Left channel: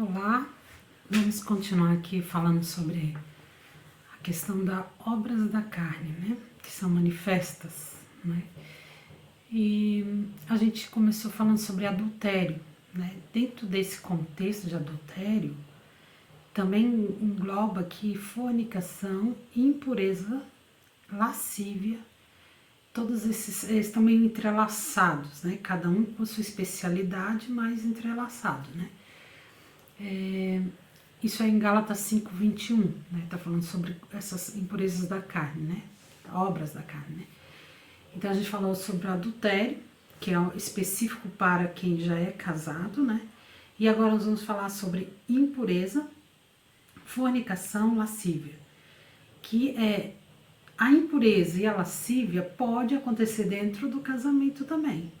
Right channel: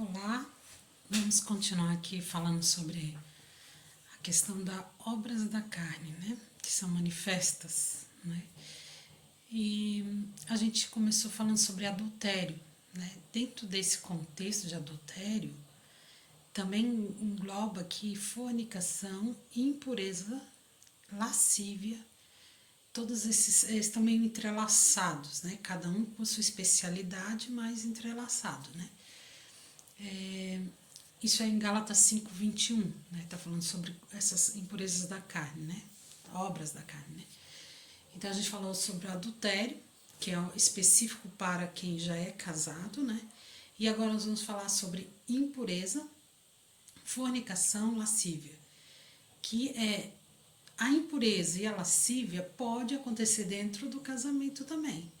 Olá, vamos continuar aqui falando sobre a questão das obras da carne, né? Que são manifestas, né? E a gente começou falando sobre adultério, né? Dentro desse contexto de adultério, também engloba aqui fornicação, impureza, lascívia, todos esses estão meio entrelaçados, né? Cada um com sua especialidade, mas entrelaçado, né? Isso é em Gálatas 5:21, né? Tá falando sobre essas impurezas da carne, né? Obras da carne, né? Então a gente falou sobre o adultério, que é específico para quem já é casado, né? E agora nós vamos falar sobre impureza, fornicação, lascívia, que é a impureza e a lascívia pode acontecer dentro do casamento também.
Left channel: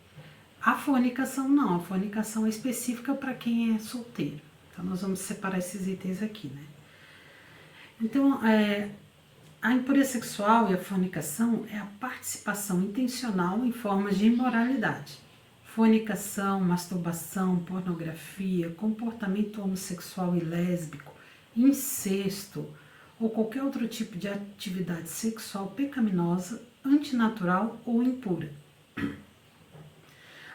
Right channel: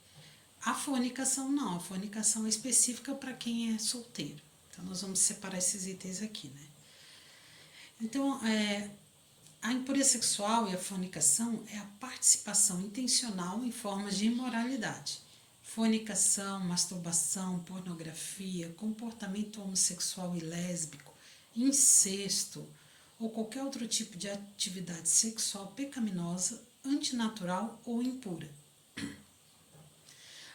A fornicação não, a fornicação é específica para quem é solteiro. Então nós vamos separar esses itens aqui, né? Então, a impureza sexual e a fornicação é a participação intencional em formas de imoralidade. Fornicação, masturbação, pornografia, comportamento homossexual e lésbico, incesto ou qualquer outro tipo de atividade sexual pecaminosa, antinatural ou impura.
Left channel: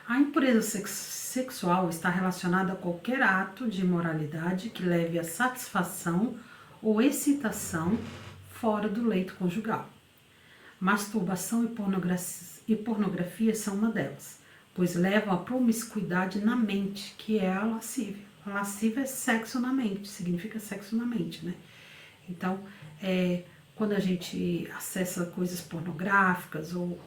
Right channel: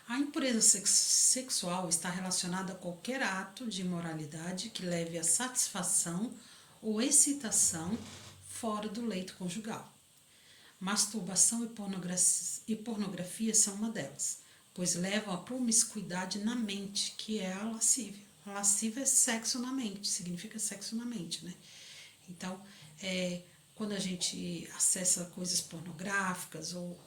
A impureza sexual está relacionada a qualquer ato de imoralidade que leve à satisfação ou excitação fora do leito conjugal. Masturbação e pornografia são uma delas, pois levam à promiscuidade na mente, que é a lascívia. A lascívia é sexo na mente, significa sexo na mente, né? Então, quando a gente acessa coisas pornográficas ou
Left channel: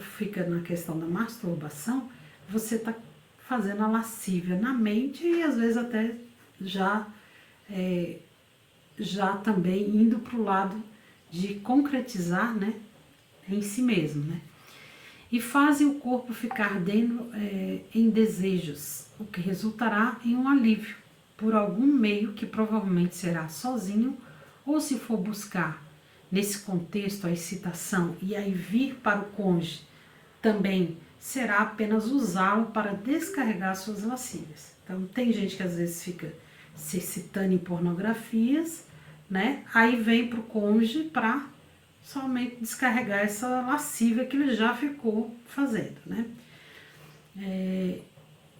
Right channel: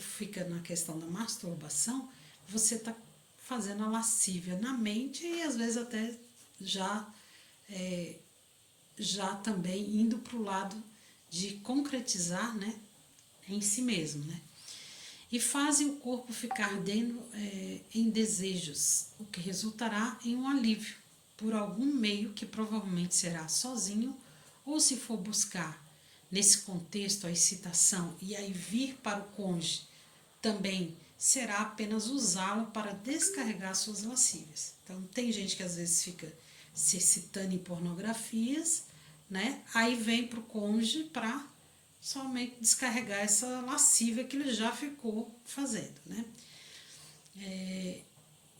fica na questão da masturbação, você está fazendo a lascívia na mente e às vezes até já também indo para o lado de concretizar, né, em si mesmo, né? E fazem o corpo ficar ardendo em desejos, o que resultará em um alívio por algum meio que provavelmente será sozinho ou se for buscar nesse contexto a excitação e aí vir para o cônjuge também será apenas usá-lo para descarregar suas lascívias. Então tem gente que às vezes fica se excitando em pornografias, né? Aí vem para o cônjuge para somente descarregar essa lascívia que ele já ficou fazendo, né?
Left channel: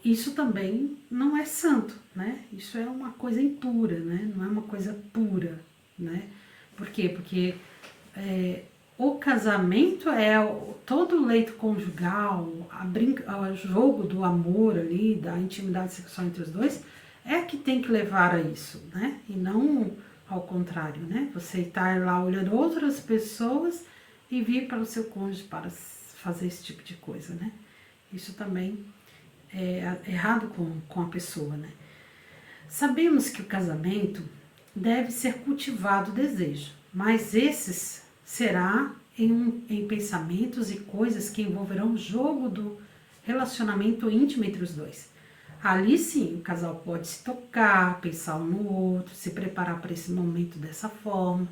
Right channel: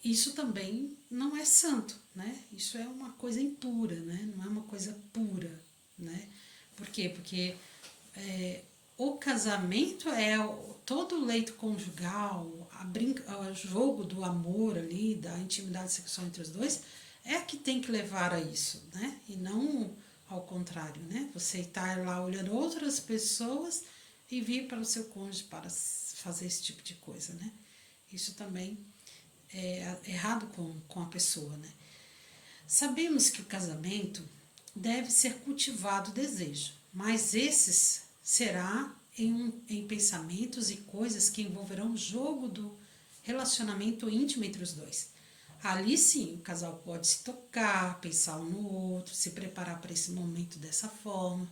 Isso também não é santo, né? Isso é uma coisa impura, né? Não é uma coisa pura, né? Por quê? Porque o casamento é todo o leito conjugal, o jogo do amor ali, da intimidade sexual entre os dois, é que tem que levar a isso, né? E não ao contrário, né? Você está lá olhando outras pessoas e vir para o seu cônjuge para fazer esse tipo de coisa, né? Isso também é errado com a pessoa, né? Sabemos que o casamento deve ser cultivado o desejo, mas esses será em pensamentos e coisas que envolverão o jogo do relacionamento íntimo entre os dois. Ali sim, o casal pode se tocar, pensar um no outro, se preparar para esse momento dessa forma.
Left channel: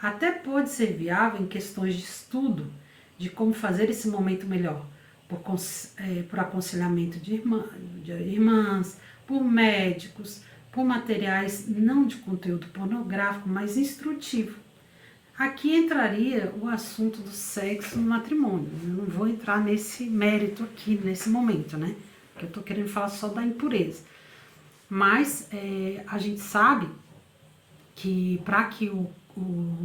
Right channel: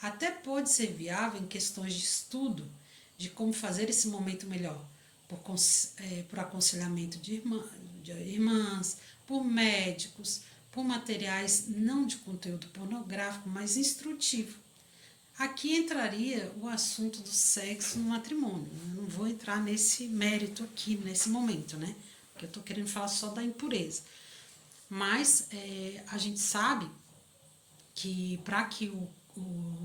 Até pode ser viável em questões de estudo, de como fazer esse momento melhor, por aconselhamento de irmãs, por médicos, por materiais não de conteúdo pornográfico, mas instrutivo. Aqui entraria o assunto do sexo no matrimônio. Eu não vou entrar nesse mérito aqui, nesse momento, né? Porque eu estou querendo falar só da impureza. Mas a gente sabe que para que o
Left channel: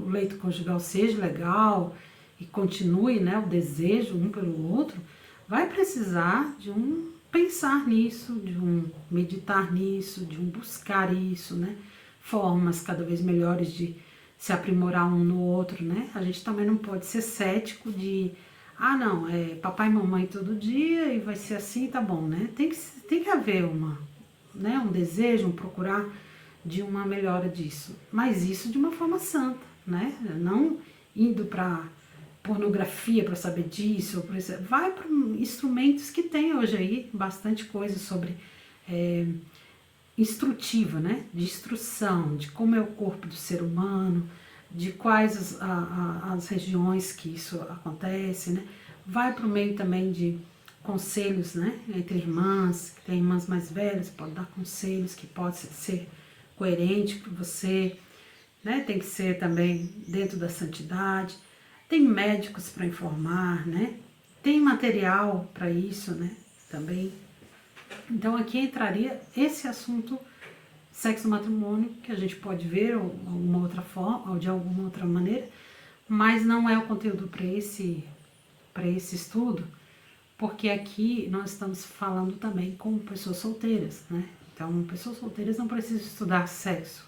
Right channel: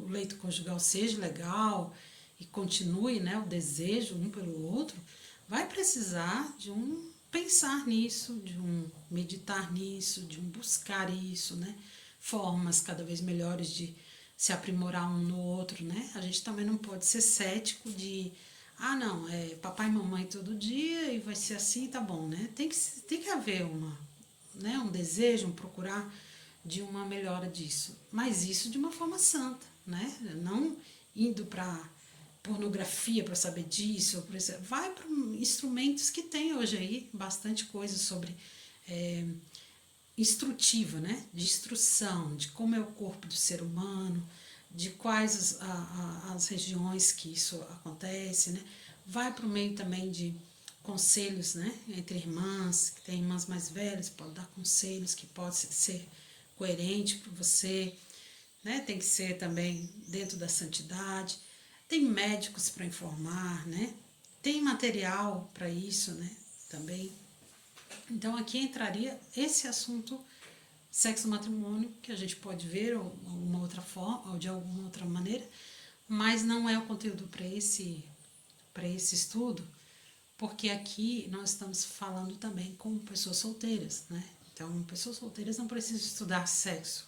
leito conjugal seja legal e continue, né, o desejo um pelo outro, vai precisar de um pensar nisso, de um meditar nisso, de um buscar isso, né? Formas cada vez melhores de se aprimorar um no outro, né? A gente também não pode ser cético de, não, é papai e mamãe todo dia e vai ser assim, tá bom, né? Tem que haver um desejo, um procurar de uma melhora disso, mas isso de uma forma santa, né? Não indo para pornografia para saber disso, vai para instrumentos que tem hoje aí, bastante coisa sobre instrutiva, né? De instrução, de como é o corpo do ser humano, de quais as regiões que isso acontece, né? Vai para o meio também de conselhos, né, entre irmãs, que tem irmãs mais velhas, pode dar conselhos que pode ser coerente para você, né, tem que ser também dentro da santidade, tem médicos para informar, né, tem material para isso, né, também. Então aqui entraria esse assunto sexo matrimônio, que a gente pode ver alguma outra forma, ou de alguma outra maneira, mas não é o conteúdo para esse estudo, porque aqui nós estamos falando também com pessoas solteiras, né? Então, pessoas solteiras não precisam estudar sexo,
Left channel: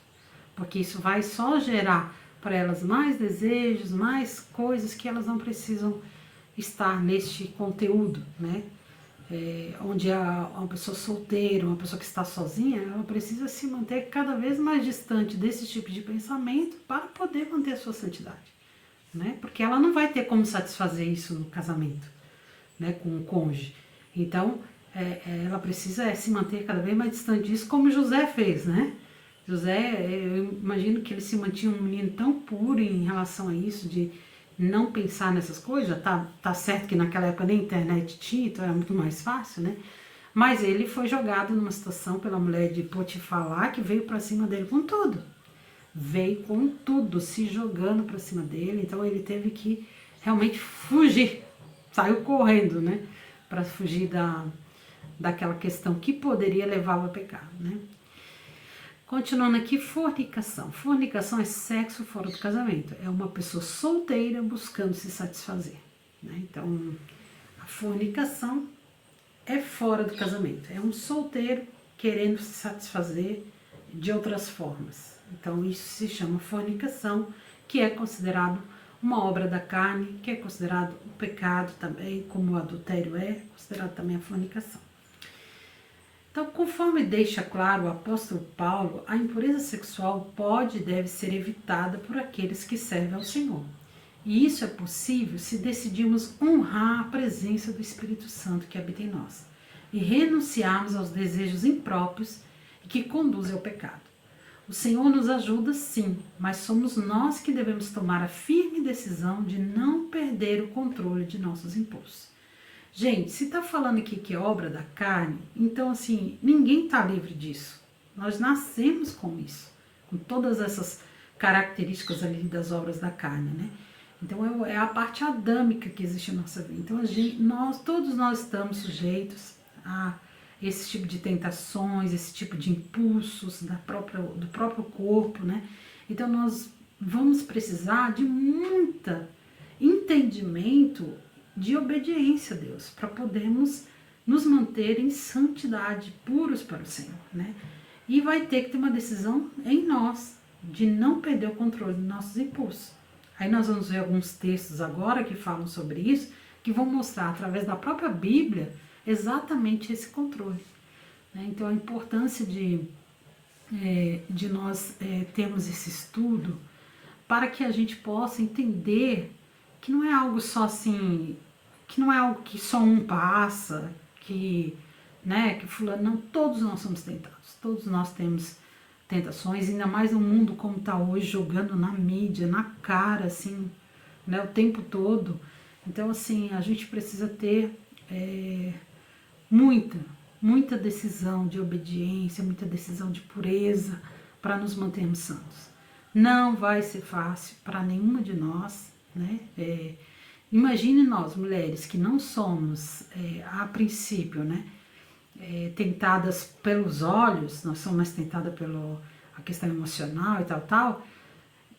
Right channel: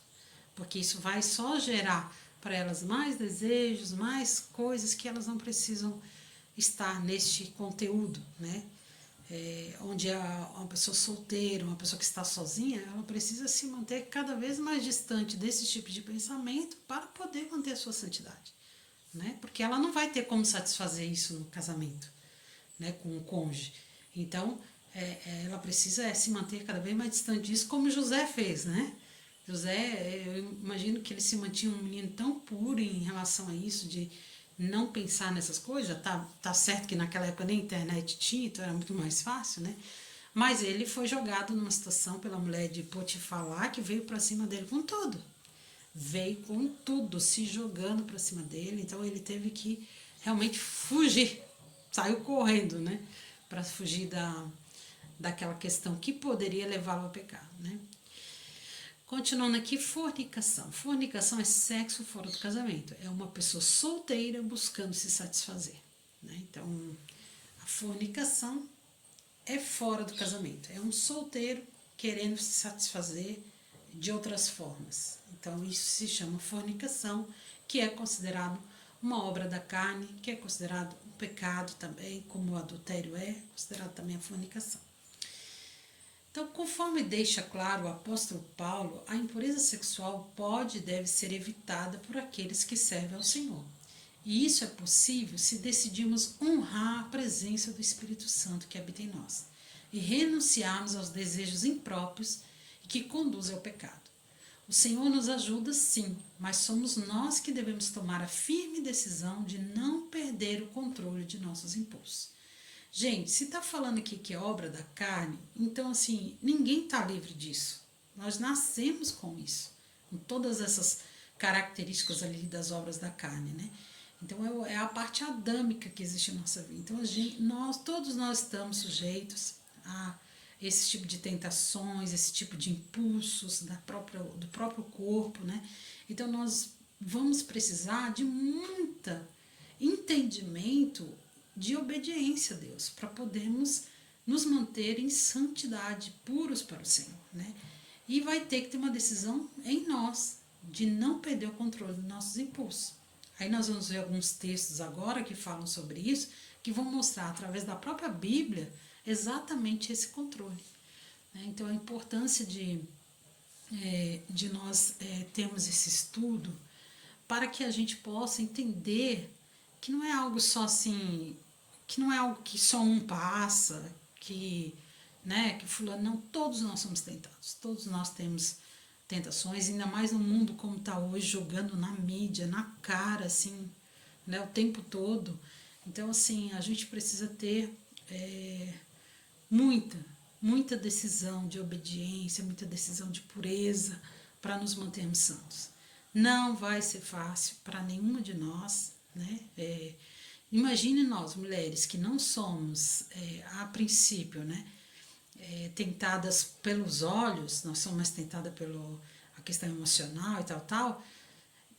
porque isso vai só gerar para elas mais desejos, mais coisas que elas não precisam estar neste conteúdo, né? Onde uma pessoa solteira, uma pessoa que está sozinha, ela precisa se manter cada vez mais distante desse tipo de pensamento para poder manter a sua santidade, né? Porque ela não vai ter como satisfazer isso no casamento, né, com o cônjuge. Então, ela precisa se manter cada vez mais distante disso, como José fez, né? José, eu imagino que ele se mantinha um menino tão puro em relação a isso, de não pensar nessas coisas. Tá certo que naquela época nem internet tinha, então era muito mais fácil, né? Mas ele foi jogado numa situação pela mulher de Potifar lá, que veio para cima dele com tudo. Veio com tudo, se jogando para cima dele. Então ele teve que realmente fugir. Saiu correndo, né? Para fugir daquela questão que poderia levá-lo a pecar, né? Continuando aqui, fornicação. Fornicação é sexo fora do casamento. É uma pessoa solteira buscando se satisfazer, né? Então, a fornicação é fora do casamento. É um solteiro querendo se satisfazer de outras formas. Então, isso se chama fornicação, que é considerado uma obra da carne, que é considerado um pecado também, como o adultério é considerado também a fornicação. Então, conforme deixa claro o apóstolo Paulo, a impureza sexual pode e deve ser evitada por aqueles que servem ao Senhor. E isso é possível se decidirmos honrar a presença do Espírito Santo que habita em nós e renunciarmos aos desejos impróprios e que conduzem ao pecado. O Senhor nos ajuda sim, mas somos nós que devemos tomar a firme decisão de não perder o controle de nossos impulsos. Gente, se está falando aqui que é obra da carne, então assim, ninguém está livre disso. Nós nascemos com isso, com todas essas características ali das obras da carne, né? Então é a parte adâmica que existe na nossa vida. Então todos nós estamos sujeitos a esse tipo de tentações, esse tipo de impulsos do próprio corpo, né? Então nós vamos precisar de muito entendimento de obediência a Deus, para podermos nos manter em santidade, puros para o Senhor, né? E vai ter que ter uma decisão em nós, de não perder o controle dos nossos impulsos. Aí nós vamos ver alguns textos agora que falam sobre isso, que vão mostrar através da própria Bíblia exatamente esse controle, né? Então a importância de nós termos esse estudo para que a gente possa entender que não é algo só assim, que não é algo que só um passa, que fulano, não, todos nós somos tentados, todos nós temos tentações, ainda mais no mundo como está hoje, jogando na mídia, na cara, assim, né, o tempo todo. Então, assim, a gente precisa ter muita decisão de obediência, muita decisão de pureza para nos mantermos santos. Não vai ser fácil para nenhuma de nós, né? Imagine nós, mulheres, que não somos, a princípio, né, tentadas pelos olhos, nós somos mais tentadas pela questão emocional e tal.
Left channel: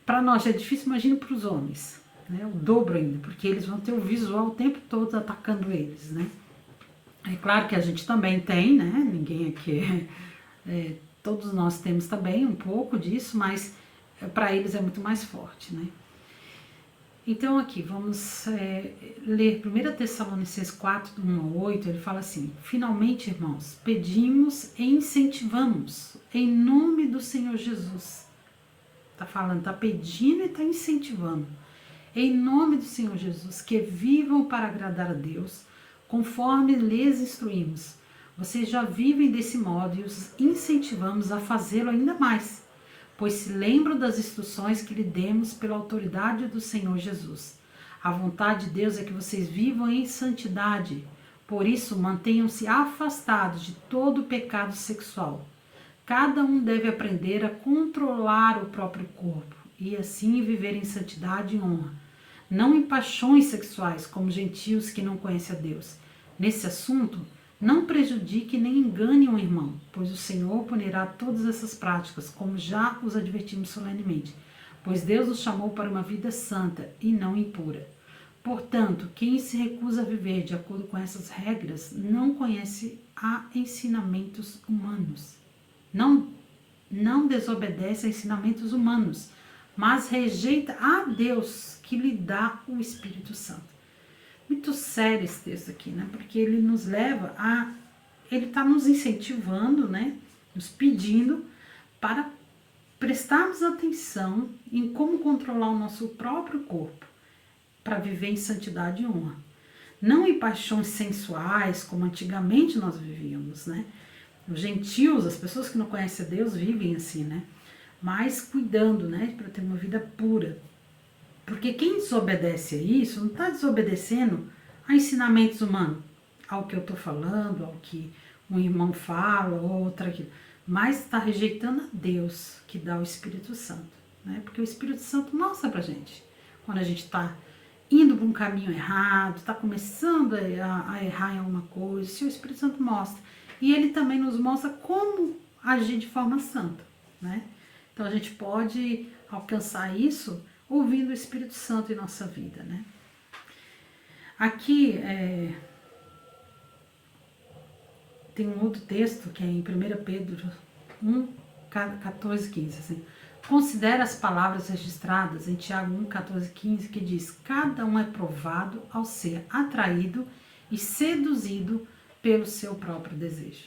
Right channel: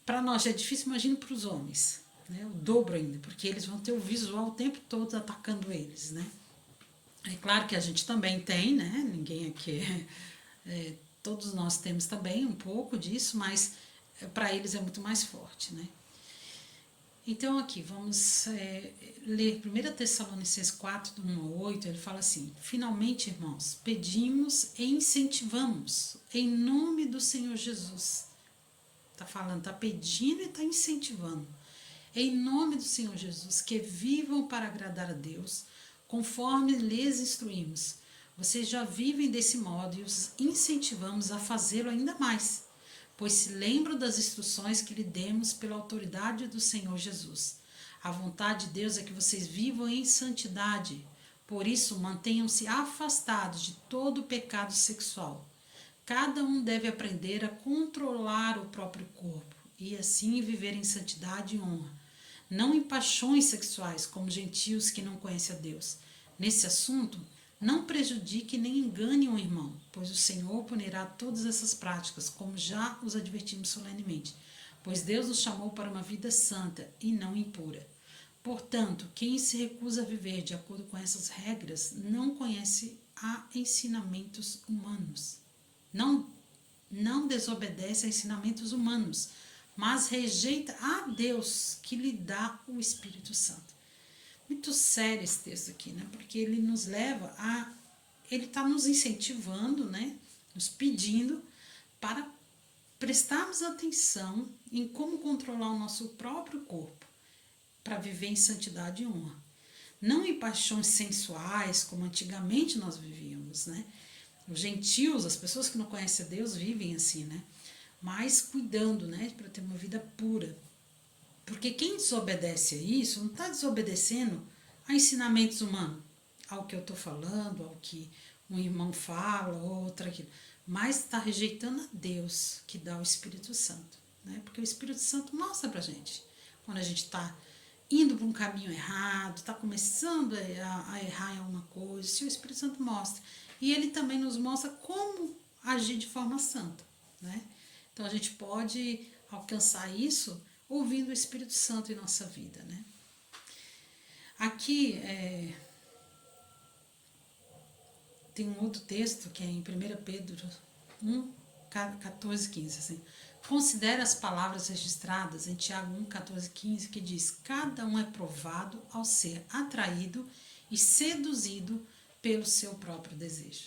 Para nós já é difícil, imagine para os homens, né, o dobro ainda, porque eles vão ter o visual o tempo todo atacando eles, né. É claro que a gente também tem, né, ninguém aqui todos nós temos também um pouco disso, mas para eles é muito mais forte, né. Então aqui, vamos ler 1 Tessalonicenses 4, do 1 ao 8, ele fala assim: finalmente, irmãos, pedimos e incentivamos em nome do Senhor Jesus. Está falando, está pedindo e está incentivando. Em nome do Senhor Jesus, que vivam para agradar a Deus, conforme lhes instruímos. Vocês já vivem desse modo e os incentivamos a fazê-lo ainda mais, pois se lembram das instruções que lhe demos pela autoridade do Senhor Jesus. A vontade de Deus é que vocês vivam em santidade, Por isso, mantenham-se afastados de todo pecado sexual. Cada um deve aprender a controlar o próprio corpo e assim viver em santidade e honra, não em paixões sexuais como gentios que não conhecem a Deus. Nesse assunto, não prejudique nem engane um irmão, pois o Senhor punirá todas essas práticas, como já os advertimos solenemente, pois Deus nos chamou para uma vida santa e não impura. Portanto, quem se recusa a viver de acordo com essas regras não conhece a ensinamentos humanos. Não desobedece a ensinamentos humanos, mas rejeita a Deus que lhe dá o Espírito Santo. Muito sério esse texto aqui, né? Porque ele nos leva a... Ele está nos incentivando, né? Nos pedindo para prestarmos atenção em como controlar o nosso próprio corpo para viver em santidade e honra. Não em paixões sensuais, como antigamente nós vivíamos, né? Os gentios, as pessoas que não conhecem a Deus, vivem assim, né? Mas cuidando, né? Para ter uma vida pura. Porque quem desobedece a isso, não está desobedecendo a ensinamentos humanos, ao que eu estou falando, ao que um irmão fala, outra aquilo, mas está rejeitando a Deus, que dá o Espírito Santo, né? Porque o Espírito Santo mostra para a gente, quando a gente está indo para um caminho errado, está começando a errar em alguma coisa, se o Espírito Santo mostra. E ele também nos mostra como agir de forma santa, né? Então a gente pode alcançar isso ouvindo o Espírito Santo em nossa vida, né? Aqui tem um outro texto que é em 1 Pedro 1, 14, 15, assim. Considera as palavras registradas em Tiago 1, 14, 15, que diz: cada um é provado ao ser atraído e seduzido pelo seu próprio desejo.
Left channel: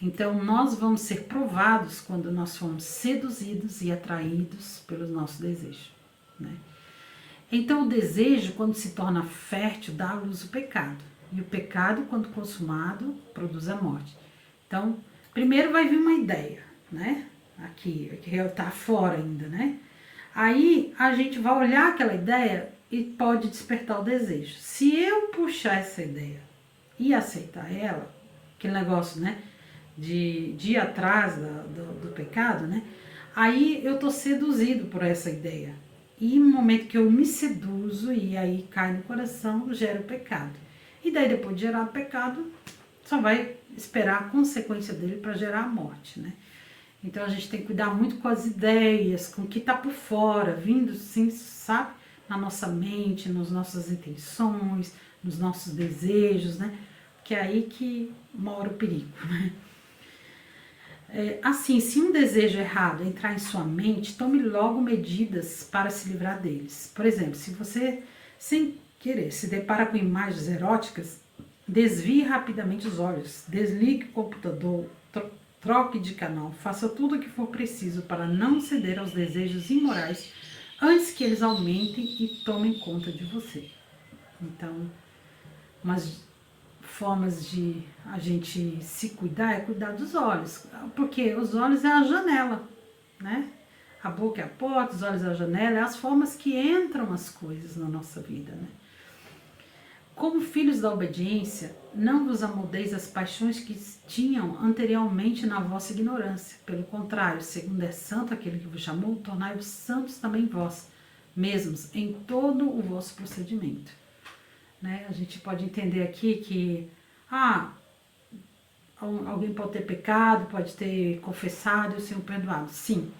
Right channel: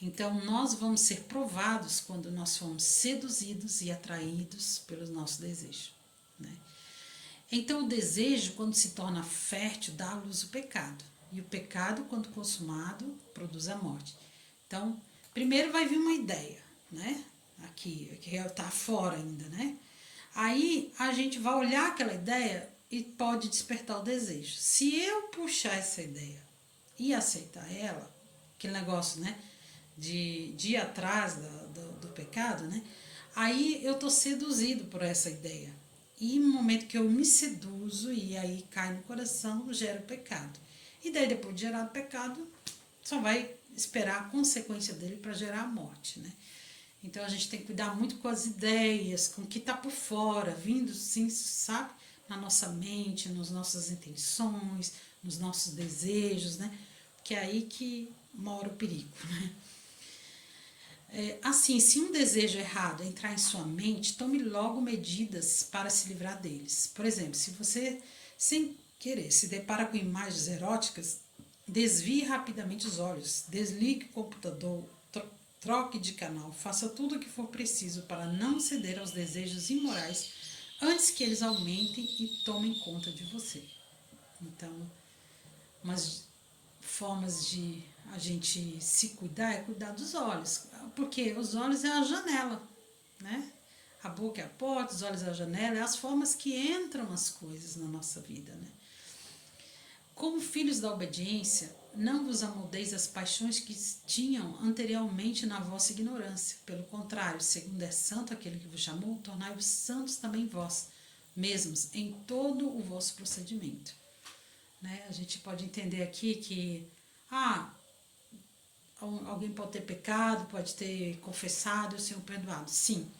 Então, nós vamos ser provados quando nós formos seduzidos e atraídos pelo nosso desejo, né? Então, o desejo, quando se torna fértil, dá à luz o pecado. E o pecado, quando consumado, produz a morte. Então, primeiro vai vir uma ideia, né? Aqui, que está fora ainda, né? Aí, a gente vai olhar aquela ideia e pode despertar o desejo. Se eu puxar essa ideia e aceitar ela, aquele negócio, né? De ir atrás do pecado, né? Aí eu tô seduzido por essa ideia. E no momento que eu me seduzo e aí cai no coração, gera o pecado. E daí depois de gerar o pecado, só vai esperar a consequência dele para gerar a morte, né? Então a gente tem que cuidar muito com as ideias, com o que tá por fora, vindo, sim, sabe? Na nossa mente, nas nossas intenções, nos nossos desejos, né? Que é aí que mora o perigo, né? Assim, se um desejo errado entrar em sua mente, tome logo medidas para se livrar deles. Por exemplo, se você, sem querer, se depara com imagens eróticas, desvie rapidamente os olhos, desligue o computador, troque de canal, faça tudo o que for preciso para não ceder aos desejos imorais antes que eles aumentem e tomem conta de você. Então, umas formas de a gente se cuidar é cuidar dos olhos, porque os olhos é a janela, né? A boca é a porta, os olhos é a janela, é as formas que entram as coisas na nossa vida, né? Como filhos da obediência, não vos amoldeis às paixões que tinham anteriormente na vossa ignorância. Pelo contrário, segundo é santo aquele que vos chamou, tornai-vos santos também vós mesmos em todo o vosso procedimento. Né? A gente pode entender aqui que alguém pode ter pecado, pode ter confessado e o Senhor perdoado. Sim.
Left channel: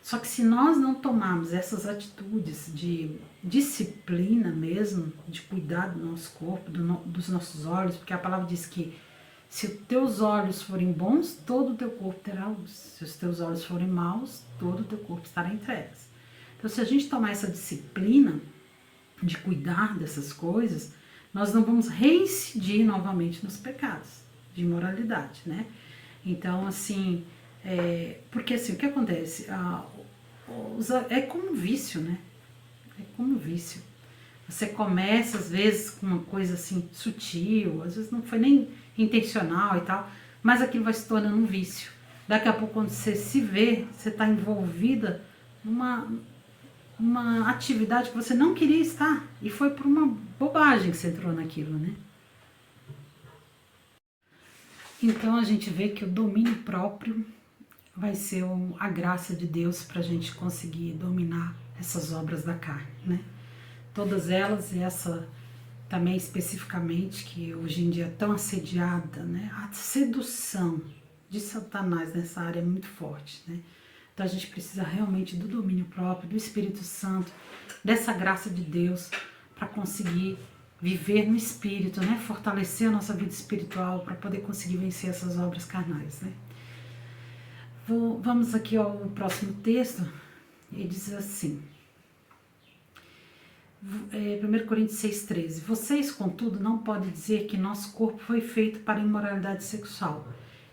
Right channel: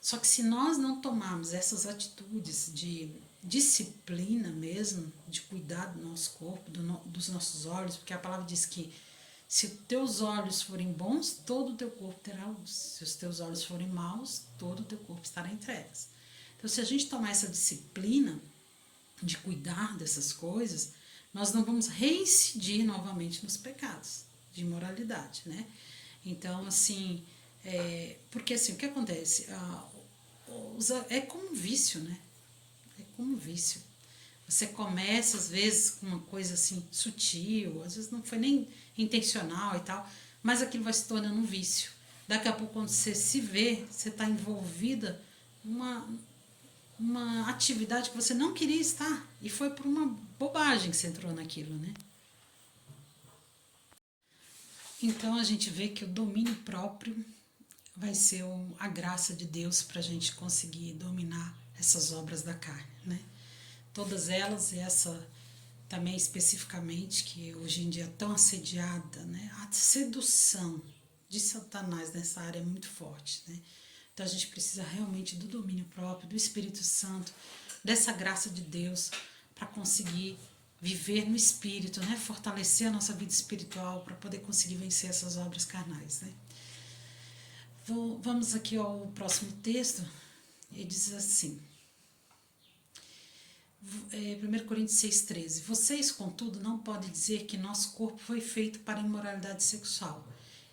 Só que se nós não tomarmos essas atitudes de disciplina mesmo, de cuidar do nosso corpo, dos nossos olhos, porque a palavra diz que se os teus olhos forem bons, todo o teu corpo terá luz. Se os teus olhos forem maus, todo o teu corpo estará em trevas. Então, se a gente tomar essa disciplina de cuidar dessas coisas, nós não vamos reincidir novamente nos pecados de imoralidade, né? Então, assim, porque assim, o que acontece? É como um vício, né? É como um vício. Você começa, às vezes, com uma coisa assim, sutil, às vezes não foi nem intencional e tal, mas aquilo vai se tornando um vício. Daqui a pouco, quando você se vê, você está envolvida numa atividade que você não queria estar. E foi por uma bobagem que você entrou naquilo, né? Então a gente vê que o domínio próprio vai ser a graça de Deus para a gente conseguir dominar essas obras da carne, né? Todas elas, e essa também especificamente, que hoje em dia é tão assediada, né? A sedução de Satanás nessa área é muito forte, né? Então a gente precisa realmente do domínio próprio, do Espírito Santo, dessa graça de Deus para conseguir viver no Espírito, né? Fortalecer a nossa vida espiritual para poder conseguir vencer essas obras carnais, né? Vamos aqui ao próximo texto. Ele diz assim, 1 Coríntios 6,13. Vocês, contudo, não podem dizer que nosso corpo foi feito para imoralidade sexual.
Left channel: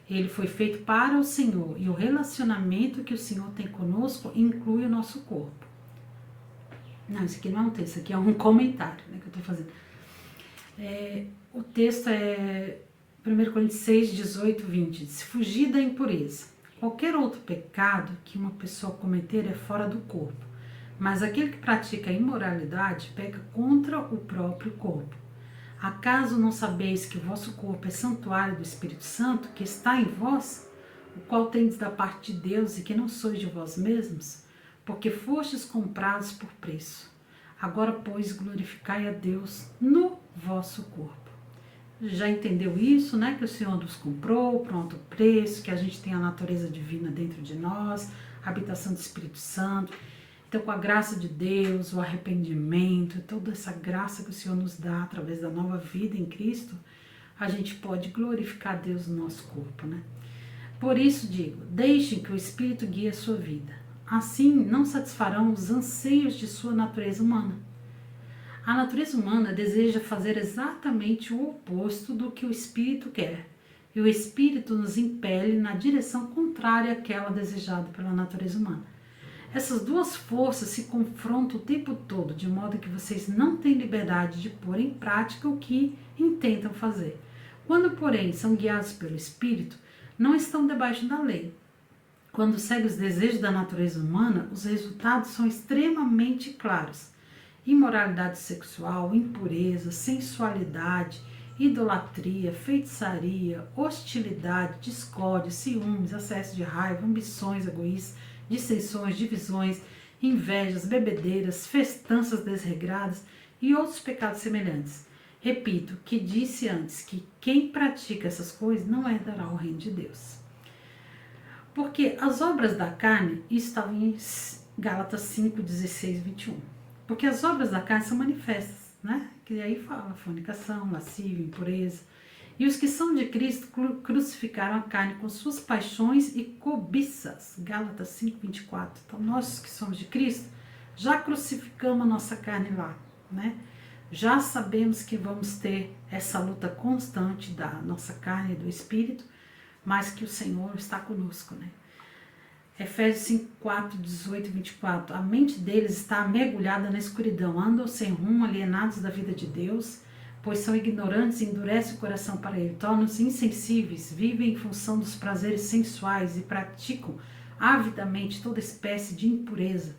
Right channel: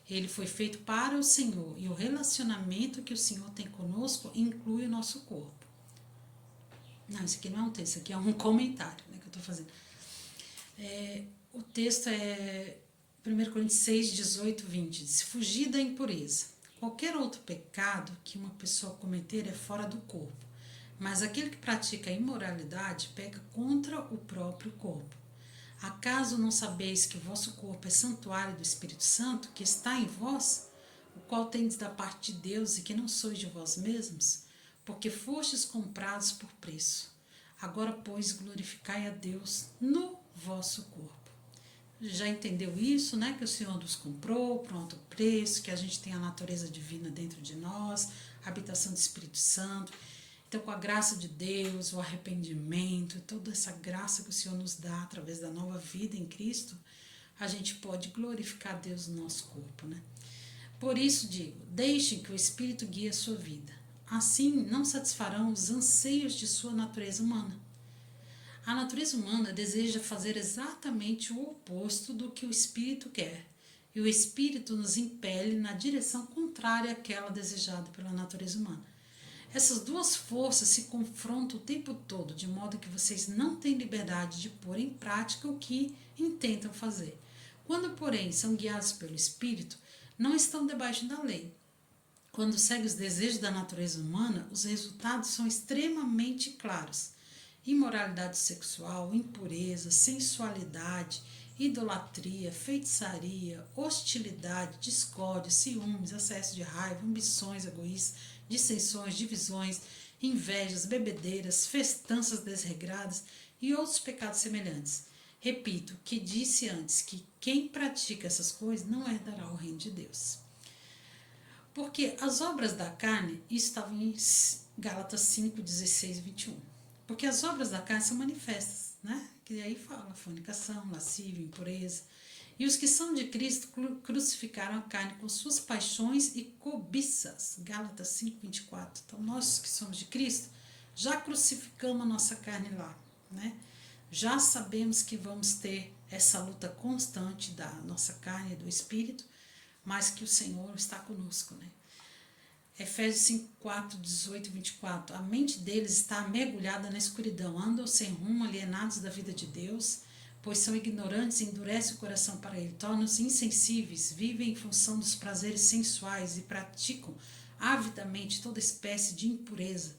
Ele foi feito para o Senhor, e o relacionamento que o Senhor tem conosco inclui o nosso corpo. Não, isso aqui não é um texto, isso aqui é um comentário, né, que eu estou fazendo. O texto é 1 Coríntios 6, 18, 20. Se fugir da impureza. Qualquer outro pecado que uma pessoa cometer é fora do corpo, mas aquele que pratica a imoralidade peca contra o próprio corpo. Acaso não sabeis que o vosso corpo é santuário do Espírito Santo, que está em vós, o qual tendes da parte de Deus e que não sois de vós mesmos? Porque fostes comprados por preço. Agora, pois, glorificai a Deus no vosso corpo. Já entendeu isso, né? Que o Senhor nos comprou, pronto, o preço, que a gente tem a natureza divina dentro de nós, a habitação do Espírito Santo. Então, com a graça de Deus, o arrependimento, toda essa graça que o Senhor nos dá através da nova vida em Cristo, a gente pode glorificar Deus no nosso corpo, né? Por isso digo, deixem que o Espírito guie a sua vida. Assim, não satisfarão os anseios de sua natureza humana. A natureza humana deseja fazer exatamente o oposto do que o Espírito quer, e o Espírito nos impele na direção contrária àquela desejada pela natureza humana. Essas duas forças se confrontam o tempo todo, de modo que vocês não têm liberdade de pôr em prática o que intentam fazer. Quando, porém, são guiados pelo Espírito, não estão debaixo da lei. Quando seguem os desejos da natureza humana, os resultados são extremamente claros. Imoralidade sexual, impureza, sensualidade, idolatria, feitiçaria, hostilidade, discórdia, ciúmes, excesso de raiva, ambições egoístas, dissensões, divisões, invejas, bebedeiras, festanças desregradas e outros pecados semelhantes. Repito que disse antes que quem pratica essas coisas não herdará o reino de Deus. Porque as obras da carne, isso estava em Gálatas 5, 16 e 21. Porque as obras da carne são manifestas, né? Que aí fala fornicação, lascívia, impureza. E os que são de Cristo crucificaram a carne com suas paixões e cobiças. Gálatas 5, 24. Então, nós que somos de Cristo, já crucificamos a nossa carne lá, né? Já sabemos que vamos ter essa luta constante da nossa carne e do Espírito, mas que o Senhor está conosco, né? Efésios 5, 4, 18 e 24. A mente deles está mergulhada na escuridão, andam sem rumo, alienados da vida de Deus, pois são ignorantes e endurecem o coração para ele, tornam-se insensíveis, vivem em função dos prazeres sensuais e praticam avidamente toda espécie de impureza.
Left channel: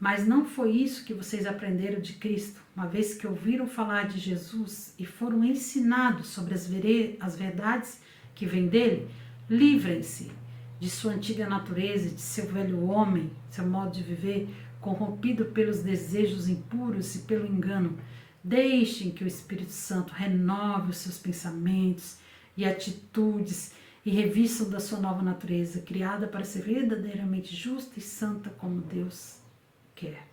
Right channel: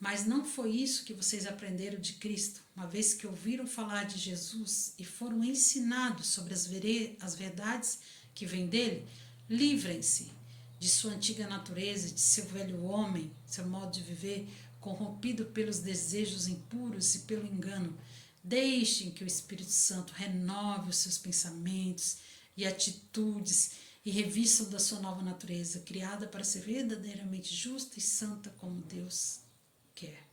Mas não foi isso que vocês aprenderam de Cristo, uma vez que ouviram falar de Jesus e foram ensinados sobre as verdades que vêm dele. Livrem-se de sua antiga natureza, de seu velho homem, seu modo de viver, corrompido pelos desejos impuros e pelo engano. Deixem que o Espírito Santo renove os seus pensamentos e atitudes e revistam da sua nova natureza, criada para ser verdadeiramente justa e santa como Deus quer.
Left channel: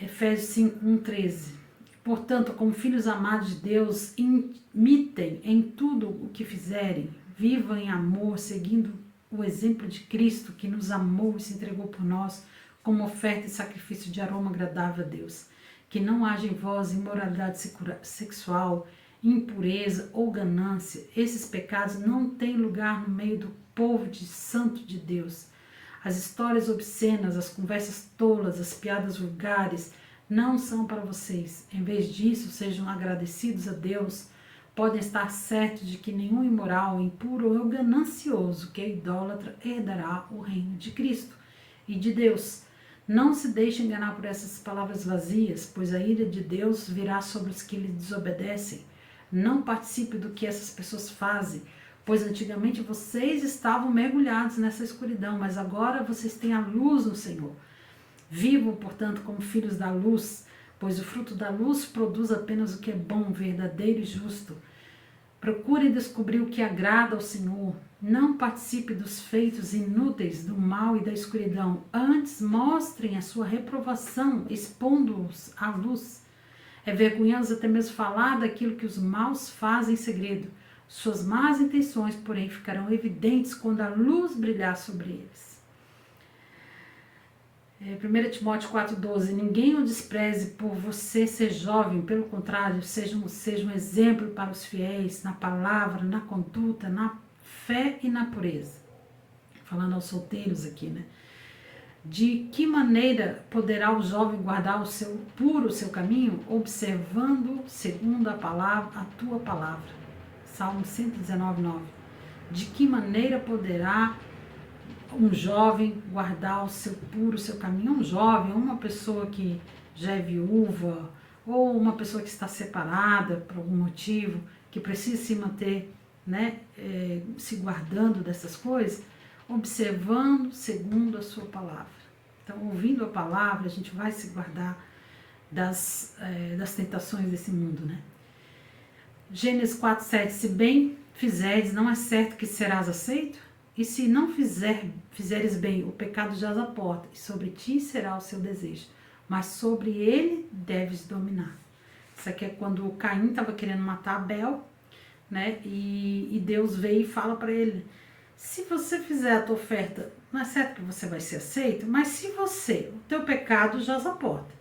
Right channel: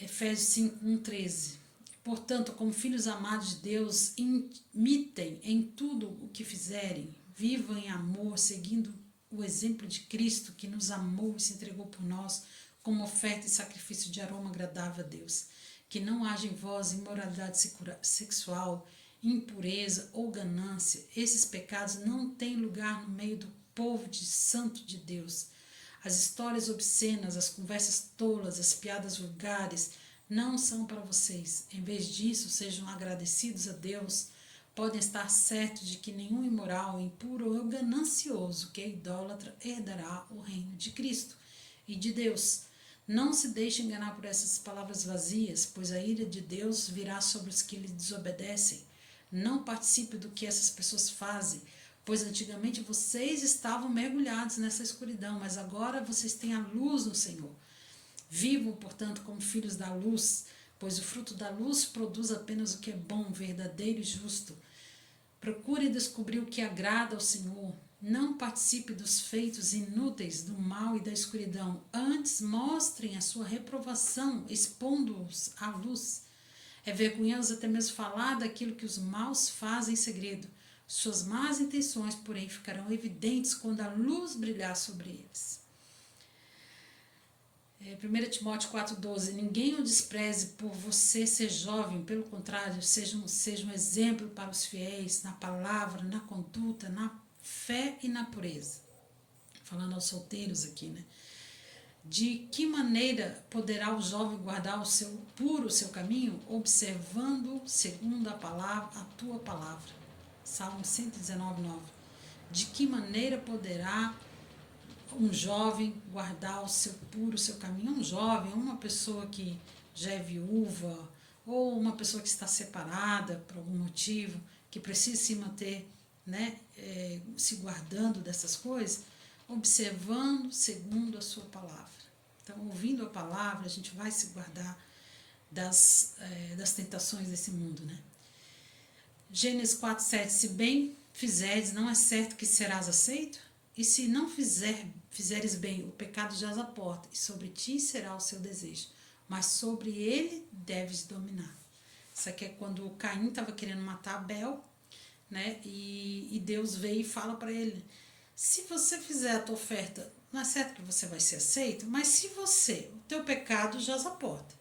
Efésios 5, 1, 13. Portanto, como filhos amados de Deus, imitem em tudo o que fizerem, vivam em amor, seguindo o exemplo de Cristo, que nos amou e se entregou por nós como oferta e sacrifício de aroma agradável a Deus. Que não haja em vós imoralidade sexual, impureza ou ganância. Esses pecados não têm lugar no meio do povo santo de Deus. As histórias obscenas, as conversas tolas, as piadas vulgares não são para vocês. Em vez disso, sejam agradecidos a Deus. Podem estar certos de que nenhum imoral, impuro ou ganancioso que é idólatra herdará o reino de Cristo e de Deus. Não se deixe enganar por essas palavras vazias, pois a ira de Deus virá sobre os que lhe desobedecem. Não participe do que essas pessoas fazem, pois antigamente vocês estavam mergulhados nessa escuridão, mas agora vocês têm a luz no Senhor. Vivam, portanto, como filhos da luz, pois o fruto da luz produz apenas o que é bom, verdadeiro e justo. Procure descobrir o que agrada ao Senhor. Não participe dos feitos inúteis do mal e da escuridão. Antes, mostrem a sua reprovação, expondo-os à luz. É vergonhoso até mesmo falar daquilo que os maus fazem em segredo. Suas más intenções, porém, ficarão evidentes quando a luz brilhar sobre eles. 1 Timóteo 4,12. Ninguém o despreze por você ser jovem, pelo contrário, seja um exemplo para os fiéis, na palavra, na conduta, na fé e na pureza. Falando aos solteiros aqui, né? De que maneira poderá o jovem guardar o seu caminho? Observando segundo a palavra, a tua palavra. Salmo 119,9. De que maneira poderá um jovem guardar o seu caminho? Um jovem, uma pessoa que já é viúva, ou uma pessoa que está separada por algum motivo, que precisa se manter, né, se guardando dessas coisas, observando segundo a sua palavra. Então, ouvindo a palavra, a gente vai se guardar das tentações desse mundo, né? Gênesis 4,7. Se bem fizeres, não é certo que serás aceito? E se não fizeres bem, o pecado jaz à porta, e sobre ti será o seu desejo, mas sobre ele deves dominar. Isso aqui é quando Caim estava querendo matar Abel, né? E Deus veio e fala para ele: se você fizer a tua oferta, não é certo que você vai ser aceito, mas se o teu pecado jaz à porta,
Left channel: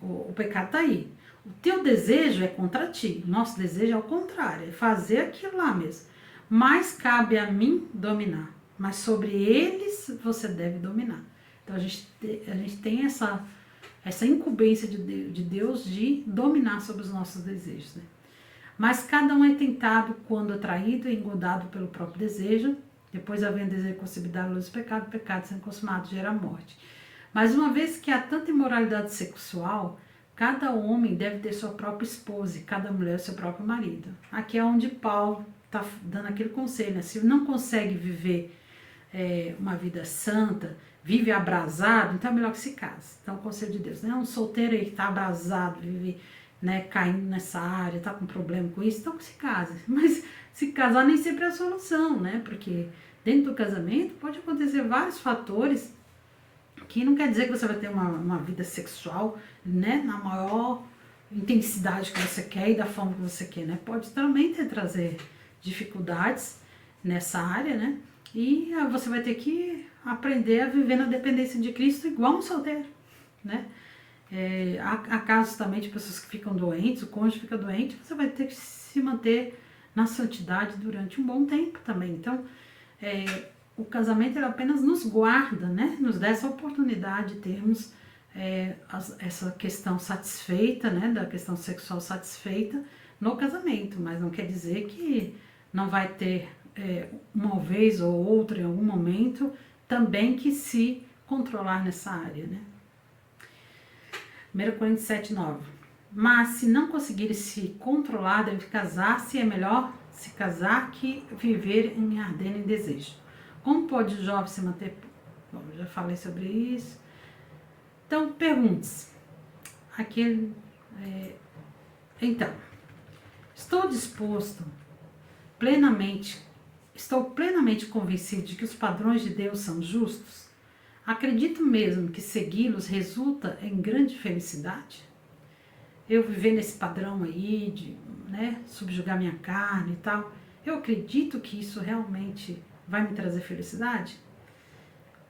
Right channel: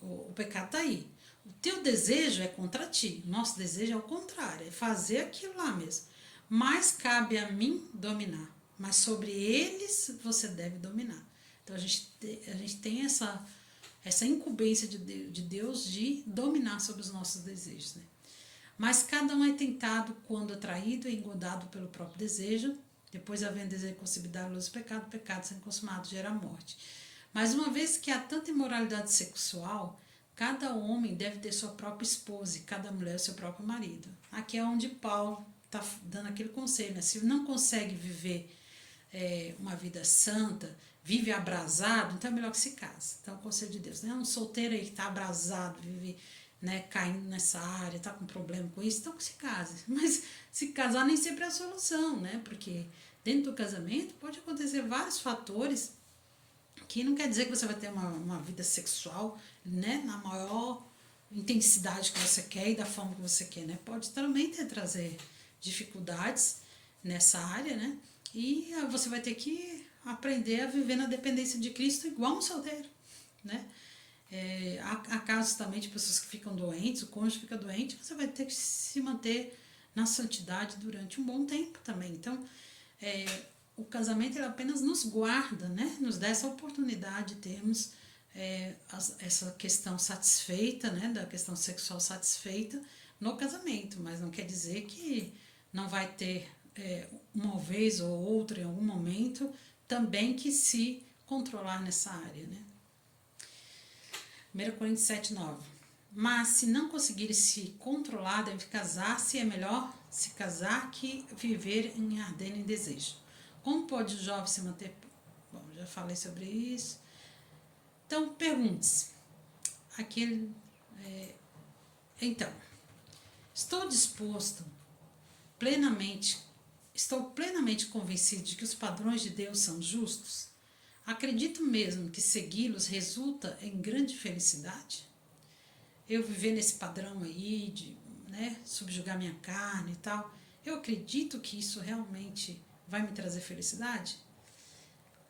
o pecado está aí, o teu desejo é contra ti, o nosso desejo é o contrário, é fazer aquilo lá mesmo. Mas cabe a mim dominar, mas sobre eles você deve dominar. Então a gente tem essa incumbência de Deus de dominar sobre os nossos desejos, né? Mas cada um é tentado quando atraído e engodado pelo próprio desejo, depois havendo desejo concebido a luz do pecado, o pecado sendo consumado gera morte. Mas uma vez que há tanta imoralidade sexual, cada homem deve ter sua própria esposa e cada mulher seu próprio marido. Aqui é onde Paulo está dando aquele conselho, né? Se não consegue viver uma vida santa, vive abrasado, então é melhor que se case. Então, o conselho de Deus, né? Um solteiro aí que está abrasado, vive, né, caindo nessa área, está com problema com isso, então que se case. Mas se casar nem sempre é a solução, né? Porque dentro do casamento pode acontecer vários fatores que não quer dizer que você vai ter uma vida sexual, né, na maior intensidade que você quer e da forma que você quer, né? Pode também trazer dificuldades nessa área, né? E você vai ter que aprender a viver na dependência de Cristo igual um solteiro, né? Há casos também de pessoas que ficam doentes, o cônjuge fica doente, você vai ter que se manter na santidade durante um bom tempo também. Então, o casamento ele apenas nos guarda, né? Nos dá essa oportunidade de termos essa questão satisfeita, né? Da questão sexual satisfeita no casamento, mas não quer dizer que não vai ter uma vez ou outra em algum momento também que se controlar nessa área, né? 1 Coríntios 7,9. Mas se não conseguirem se controlar, deve casar-se, é melhor se casar que viver em ardendo em desejo. Como pode o jovem se manter? Bom, já falei sobre isso. Então, pergunte-se. Então, estou plenamente convencido de que os padrões de Deus são justos? Acredito mesmo que segui-los resulta em grande felicidade? Eu viver nesse padrão aí de, né, subjugar minha carne e tal, eu acredito que isso realmente vai me trazer felicidade?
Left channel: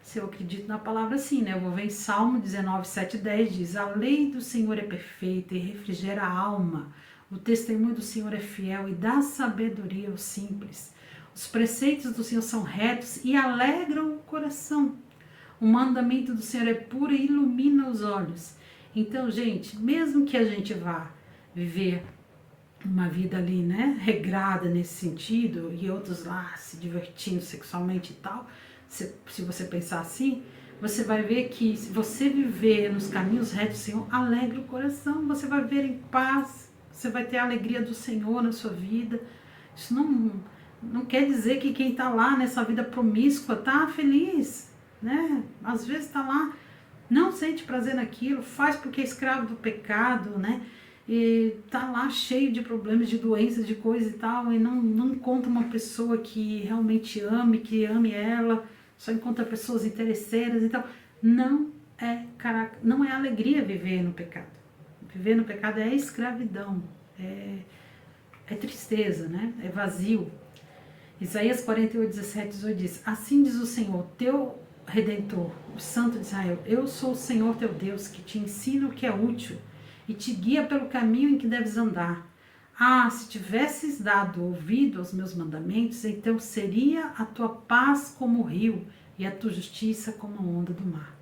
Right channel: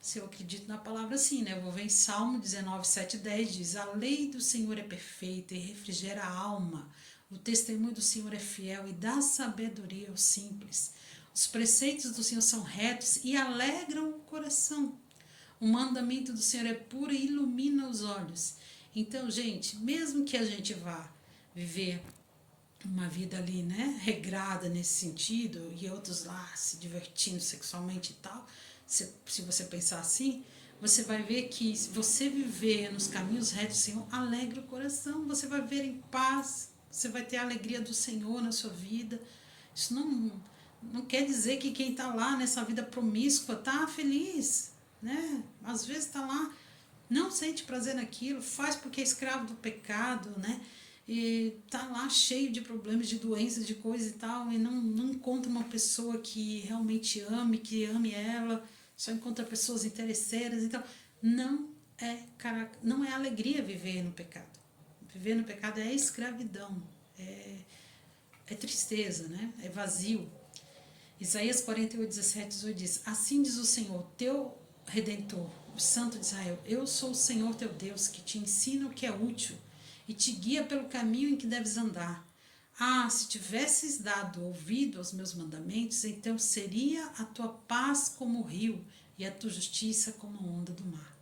Se eu acredito na palavra, sim, né? Eu vou ver em Salmo 19, 7, 10, diz: a lei do Senhor é perfeita e refrigera a alma. O testemunho do Senhor é fiel e dá sabedoria aos simples. Os preceitos do Senhor são retos e alegram o coração. O mandamento do Senhor é puro e ilumina os olhos. Então, gente, mesmo que a gente vá viver uma vida ali, né, regrada nesse sentido, e outros lá se divertindo sexualmente e tal, se você pensar assim, você vai ver que se você viver nos caminhos retos do Senhor, alegra o coração, você vai viver em paz, você vai ter a alegria do Senhor na sua vida. Isso não quer dizer que quem está lá nessa vida promíscua está feliz, né? Às vezes está lá, não sente prazer naquilo, faz porque é escravo do pecado, né? E tá lá cheio de problemas, de doenças, de coisa e tal, e não encontra uma pessoa que realmente ame, que ame ela, só encontra pessoas interesseiras e tal. Não é alegria viver no pecado. Viver no pecado é escravidão, é tristeza, né? É vazio. Isaías 48:17 diz: assim diz o Senhor, teu Redentor, o Santo de Israel: eu sou o Senhor teu Deus, que te ensina o que é útil e te guia pelo caminho em que deves andar. Ah, se tivesses dado ouvido aos meus mandamentos, então seria a tua paz como o rio e a tua justiça como a onda do mar.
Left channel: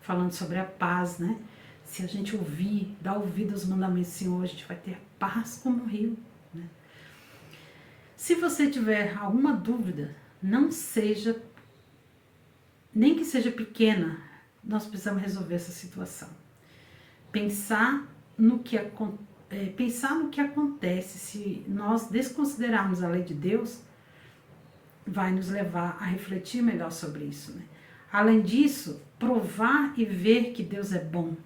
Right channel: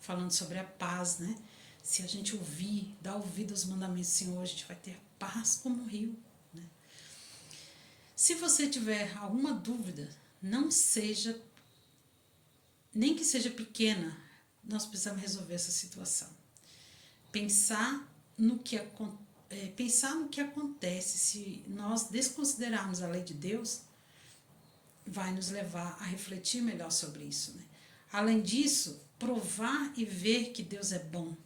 Falando sobre a paz, né? Se a gente ouvir, dar ouvido aos mandamentos do Senhor, a gente vai ter paz como o rio, né? Se você tiver alguma dúvida, não seja, nem que seja pequena, nós precisamos resolver essa situação. Pensar no que acontece se nós desconsiderarmos a lei de Deus vai nos levar a refletir melhor sobre isso, né? Além disso, provar e ver que Deus é bom,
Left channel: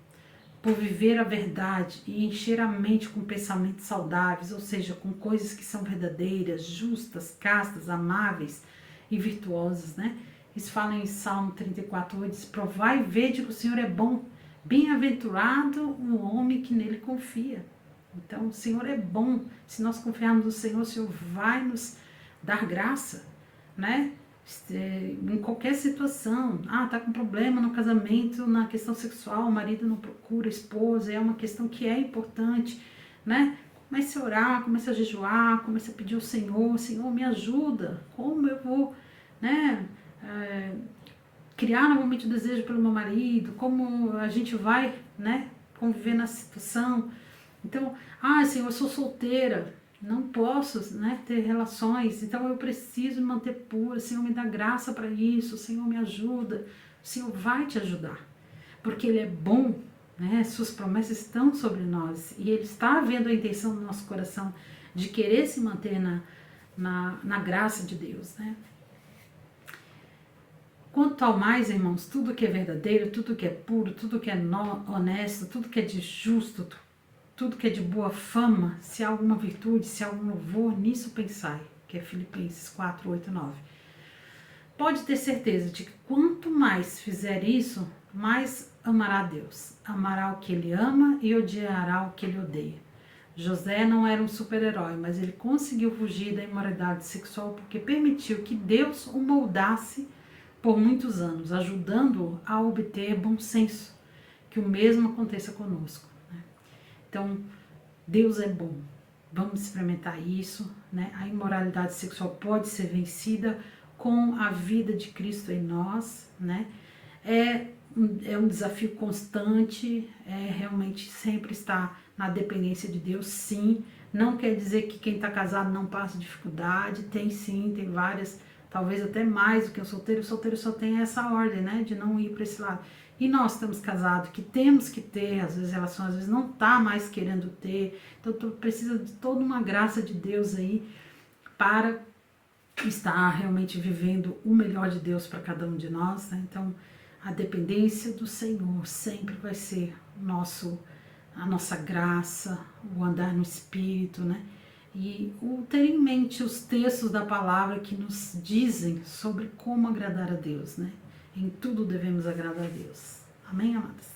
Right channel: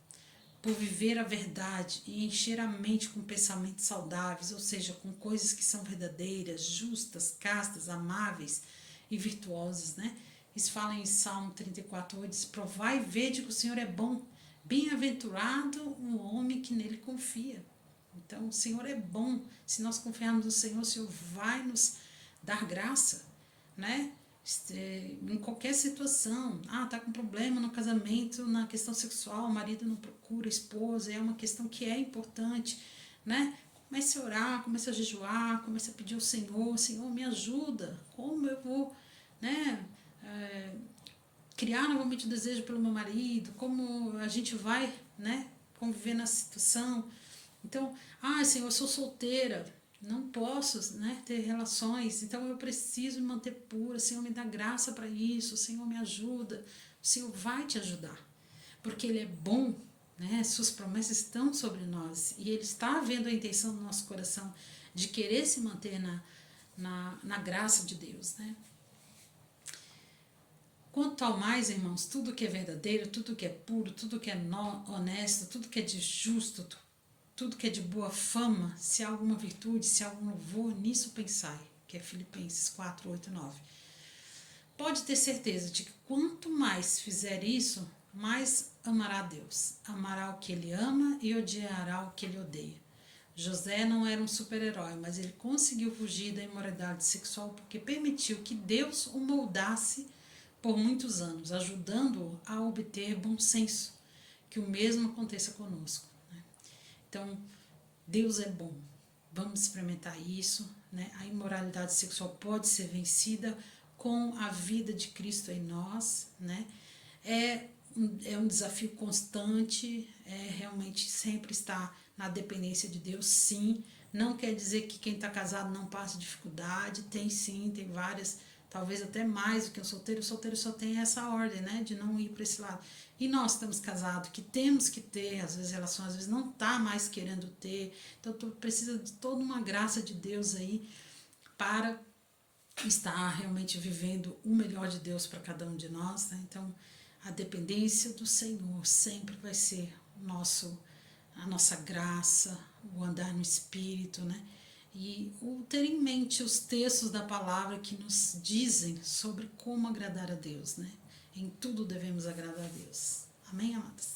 por viver a verdade e encher a mente com pensamentos saudáveis, ou seja, com coisas que são verdadeiras, justas, castas, amáveis e virtuosas, né? Isso fala em Salmo 34:8, diz: provai e vede que o Senhor é bom, bem-aventurado o homem que nele confia. Então, o Senhor é bom. Se nós confiarmos no Senhor, o Senhor vai nos dar graça, né? Em qualquer situação. Tá com problema no casamento, na questão sexual, o marido não procura a esposa, é uma questão que é importante, né? Comece a orar, comece a jejuar, comece a pedir ao Senhor: Senhor, me ajuda, como eu vou, né? Criar novamente o desejo pelo meu marido, como a gente vai, né, conviver na situação. Então, Senhor, eu sou solteira, não posso, né, ter relações, então eu preciso me manter pura. Senhor, me dá graça para isso. Senhor, me ajuda. O Senhor vai te ajudar, porque Ele é bom, né? Suas promessas estão sobre nós e Ele está vendo a intenção do nosso coração de querer se manter na graça de Deus, né? Quanto ao mais, irmãos, tudo que é verdadeiro, tudo que é puro, tudo que é honesto, tudo que é de justo, tudo que é de boa fama, se há alguma virtude, se há algum louvor, nisso pensai, que é Filipenses 4:8-9. Pode ter certeza de que quanto mais fizer isso, mais amará Deus, amará o que Ele ama e odiará o que Ele odeia. José não era um super-herói, mas ele conseguiu fugir da imoralidade sexual porque permitiu que Deus o moldasse por muitos anos, ajudando-o a obter bom senso. Que o mesmo aconteça conosco, né? Então, Deus é bom. Vamos experimentar isso, né? A imoralidade sexual pode ser vencida com a vida de Cristo em nós, né? É um desafio constante, realmente sempre estar na dependência de Deus, sim. Não quer dizer que quem está casado não passa dificuldade, tem sim, tem várias, talvez até mais do que o solteiro só tem essa ordem, né, de não ir para esse lado. E nós estamos casados, que temos que ter, às vezes, relações, às vezes não está mais querendo ter, então precisa de toda uma graça de Deus aí para estar realmente vivendo o melhor de Deus para cada um de nós, né? Então, a dependência do Senhor sempre vai ser a nossa graça, o andar no Espírito, né? E o ter em mente os textos da palavra que nos dizem sobre como agradar a Deus, né? Em tudo devemos agradar a Deus. Amém, amados?